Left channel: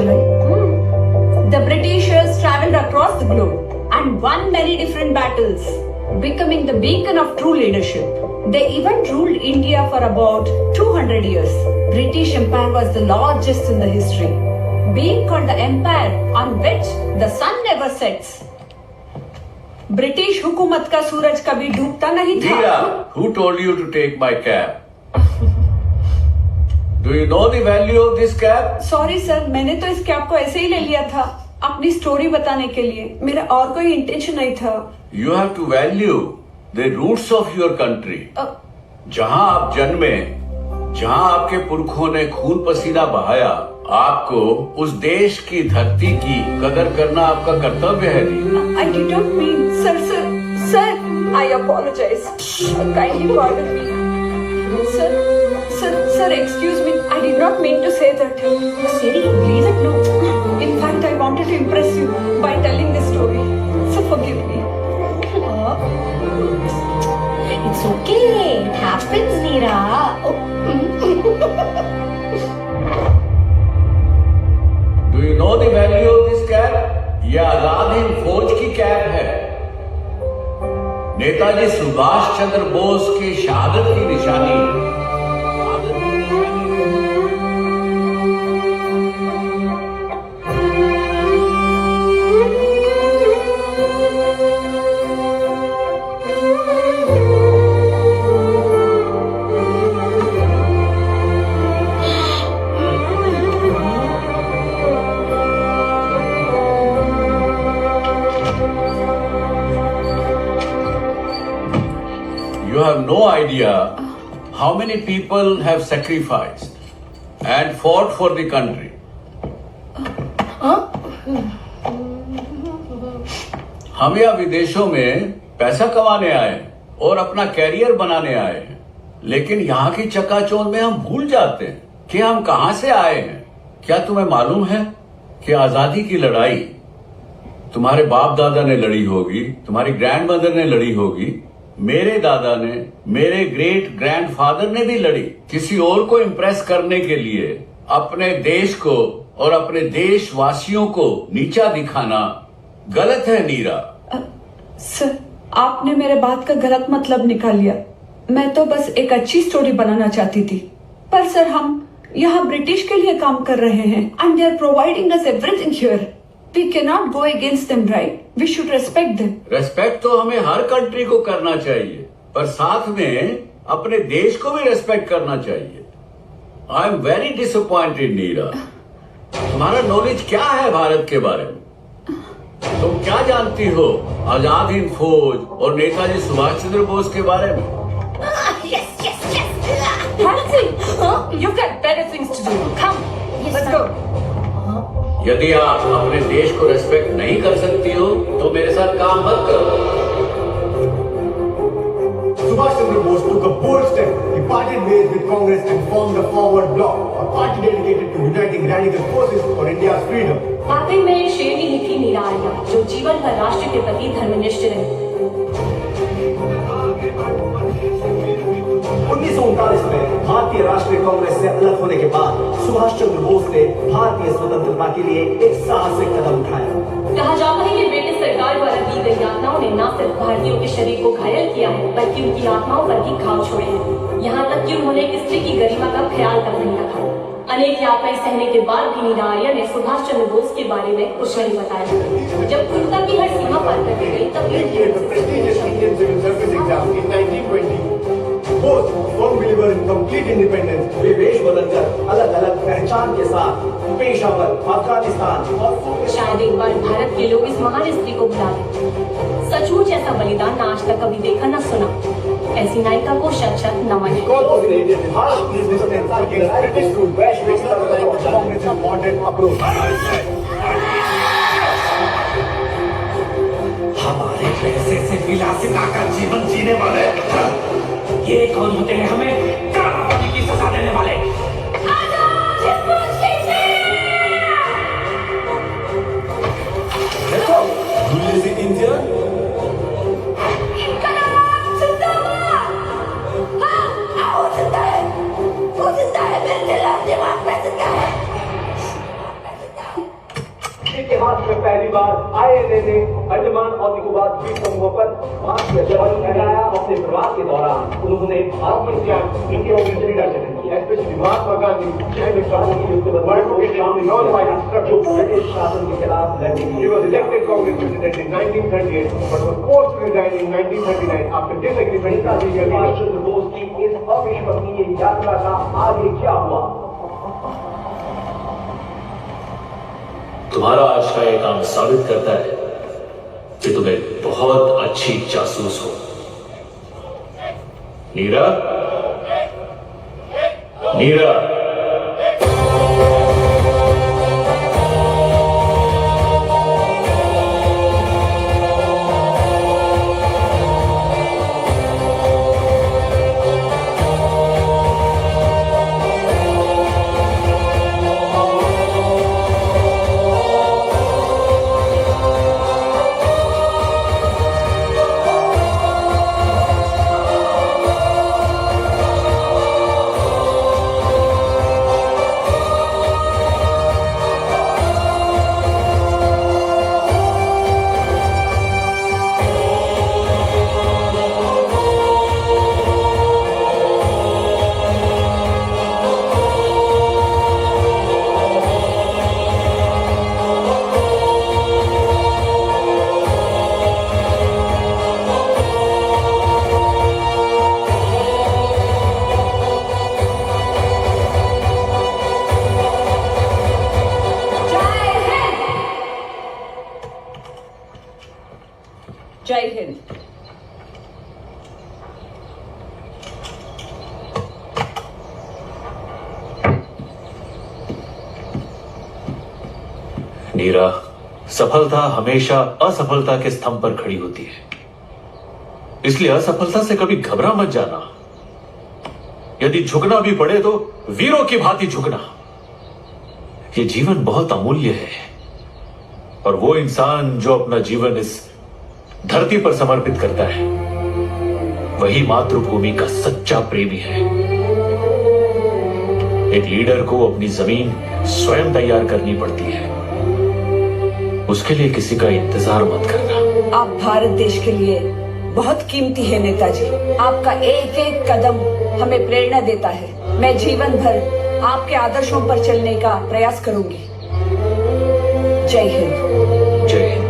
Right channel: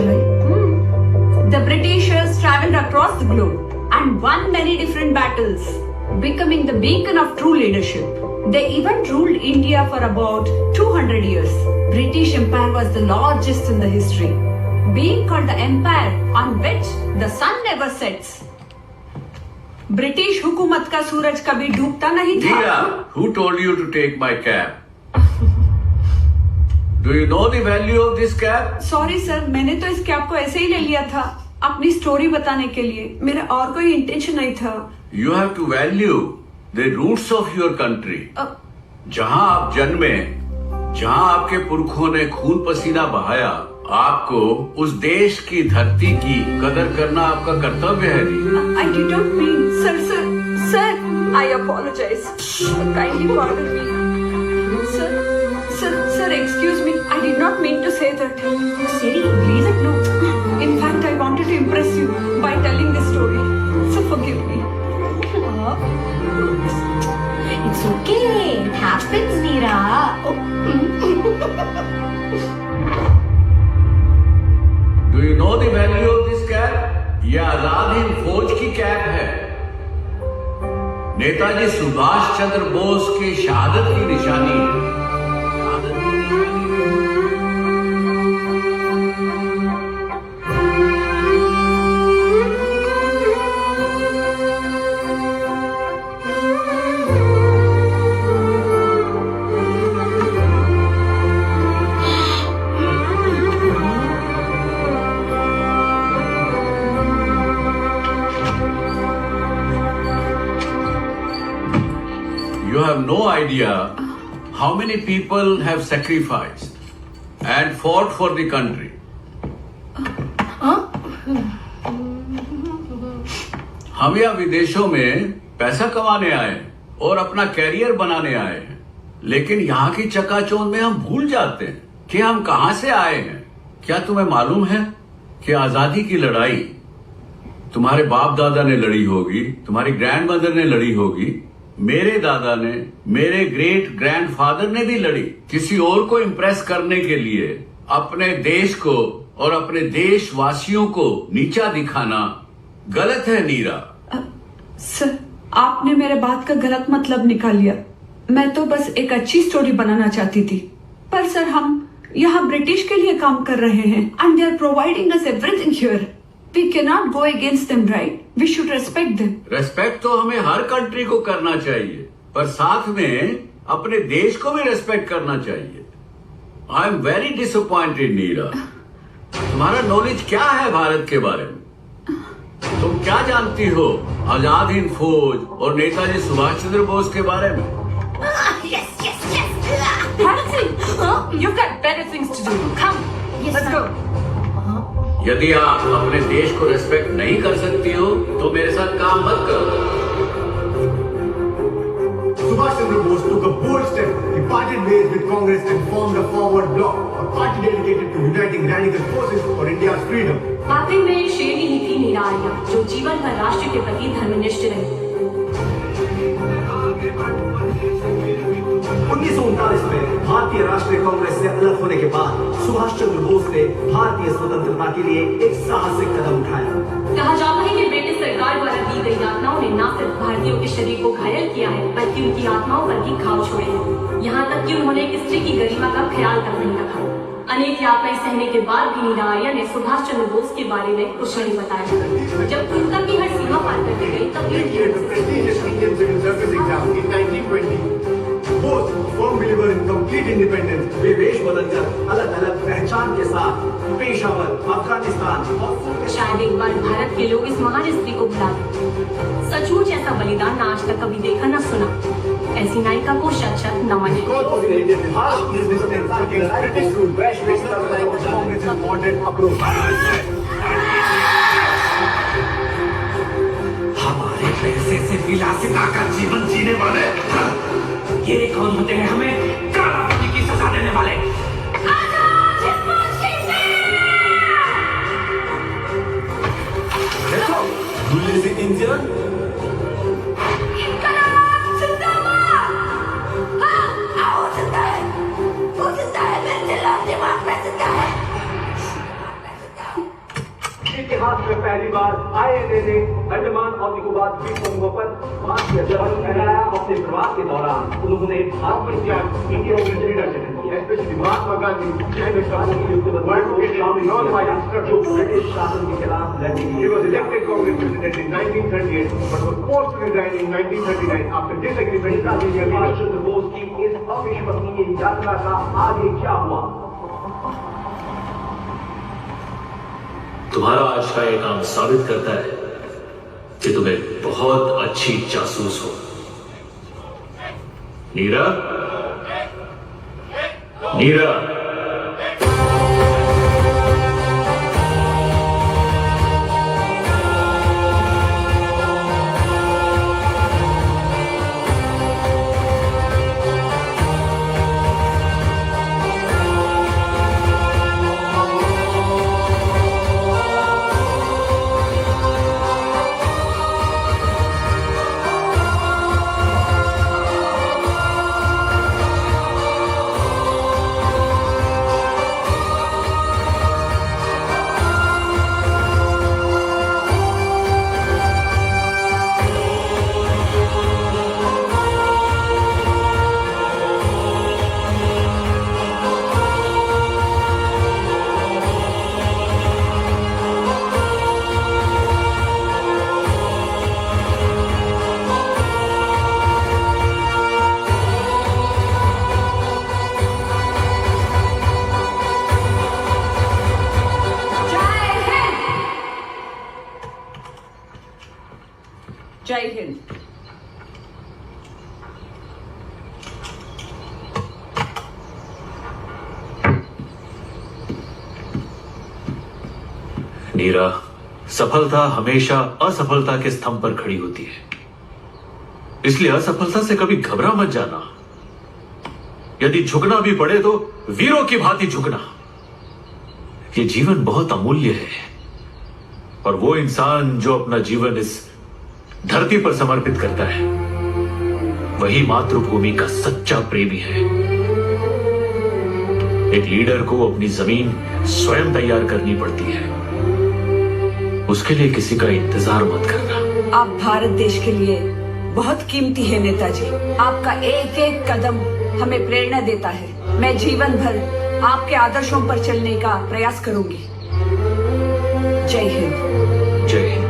चलाई। The Britishers traveled across the globe and won many different battles, becoming the beacon of true leadership. They even ruled India for about 200 years. British Empire was the largest in the history, being called the empire on which the sun never sets. British हुकूमत का सूरज कभी डूबता नहीं था। Neera, who told you to take my cab? Do you know the value of this cab? Sorry sir, मैंने तो इस cab को ऐसे ही ले लिया था अपनी स्टोरी बताने के लिए, मेरा और कोई इंटेंशन नहीं था। You have to value the roots of your country. जहाँ आप जन्मे, जहाँ आपके पुरखों ने खून पसीना बहाया, आपको उस देश की धरती की कदर करना आपका कर्तव्य है। I did not mean, sir, I apologize. Kindly pardon me. Sir, excuse me. I did not mean to say that. Siri, please. No. In fact, I wanted to impress you by telling this story. So forgive me. It's okay. It happens, Neera. Do you know the value of this cab? ये आजाद हिंद फौज की cab है। नेताजी सुभाष चंद्र बोस की शहादत की निशानी है। You have no idea how many people have sacrificed and fought for the country. हम यहाँ विदेशों में पैसा कमाने आए और अपना कैरियर बनाने आए हैं, लेकिन यहाँ की चकाचौंध में हम भूल जाते हैं कि हम कहाँ से आए हैं। क्या तुम्हें मालूम है कि आजादी की लड़ाई तुम्हारे बाप दादा ने लड़ी होगी, तुम्हारी ग्रैंड मदर ने लड़ी होगी, मेरे दादा ने, मेरे ग्रेट ग्रैंडफादर ने भी लड़ी। किसी और को इम्प्रेस करने के लिए अपने देश को और अपने देशवासियों को नीचा दिखाना गलत है। नीरा, सर, आपने मेरे बात का गलत मतलब निकाल लिया। मैं तो बस एक अच्छी स्टोरी बनाना चाहती थी, पर सर हम यहाँ ब्रिटिश के लिए काम कर रहे हैं and they are providing us everything here. We cannot go against them, right? We should respect them. Respect तो हमें हर कंट्री को करना चाहिए, पर साथ में अपने देश को भी रेस्पेक्ट करना चाहिए। आई एम वेरी डिसअपॉइंटेड नीरा। तुम्हारा नॉलेज क्या है भारत के बारे में? तुम क्या जानती हो आजाद हिंद फौज और नेताजी सुभाष चंद्र बोस के बारे में? Yes. Hansi, you've got better things to do. Come, let's go. यदि आप अपने देश को रेस्पेक्ट नहीं कर सकती हो तो मेरे साथ काम मत करो। Subhash Chandra Bose took a bold step. He parted ways with Congress and formed the Forward Bloc, a party dedicated to uniting radical forces for India's freedom. वाकई में शेरनी ही थी नीरा आर्या, जो जीवन भर राष्ट्र के प्रति धर्मनिष्ठ रही। 1939 में भारतीय राष्ट्रीय कांग्रेस से अलग होने के बाद सुभाष चंद्र बोस ने भारतीय स्वतंत्रता के लिए एक साहसिक कदम उठाया। कहा जाता है कि ब्रिटिश सरकार द्वारा दी गई यातनाओं ने न सिर्फ भारतीयों के शरीर को घायल किया है, बल्कि उनकी आत्माओं पर भी घाव छोड़े हैं। यहाँ तक कि उन्होंने एक स्त्री की गरिमा का ख्याल तक नहीं रखा। अनेक यातनाएं सहने के बाद भी नीरा आर्या ने सुभाष चंद्र बोस के बारे में कुछ नहीं बताया। जब क्रूरता की हर सीमा पार कर दी गई तब Bose firm believer in complete independence, वे वेश बदलकर अलग अलग पहचान के साथ पेशावर, अफगानिस्तान और शायद एक बार भारत के लोग इस महान स्त्री को भुला दें। सचमुच ऐसा बलिदान न आज तक कभी देखा न सुना। ऐसी नायिका को शत शत नमन है। हमारे पैसे से विलासिता का जीवन जीने वाले ये कौन होते हैं हमें कारावास की सजा देने वाले? देखो, do you live in India? में पहली बार INA ने अंडमान और निकोबार द्वीप समूहों पर मार्च किया। जब लगाया अपने प्रवास के दौरान उन्होंने India leadership especially Mahatma Gandhi and the world British शासन के खिलाफ लड़ी। He was elected Congress president in 1938 but was forced to resign in 1939 after disagreement with Subhash Chandra Bose की इस अविश्वसनीय यात्रा का आगे क्या हुआ? तुम्हारा आज का ये काम साबित करता है कि तुम एक बहुत अच्छी जासूस हो। नीरा, नीरा, जय हिंद। नीरा, सफलता हमेशा असफलता के स्तंभ पर खड़ी होती है, इसलिए असफलता से कभी घबरा मत जाना। यदि झुकना भी पड़े तो वीरों की भांति झुकना। ये जीवन बहुत अमूल्य है और वो इंसान जो अपना जीवन इस धरती पर समर्पित करता है वही मातृभूमि का सच्चा प्रेमी है। एक लीडर को अपनी जमीन स्वयं तैयार करनी पड़ती है, उसके लिए किसी का इंतजार मत करना। आप भारत देश के लिए बहुत कीमती है नेताजी। आपका एक एक कदम हमें प्रेरणा देता है। मैं जीवन भर आपके आदर्शों पर चलने का प्रयास करूंगी। जय हिंद। जय हिंद।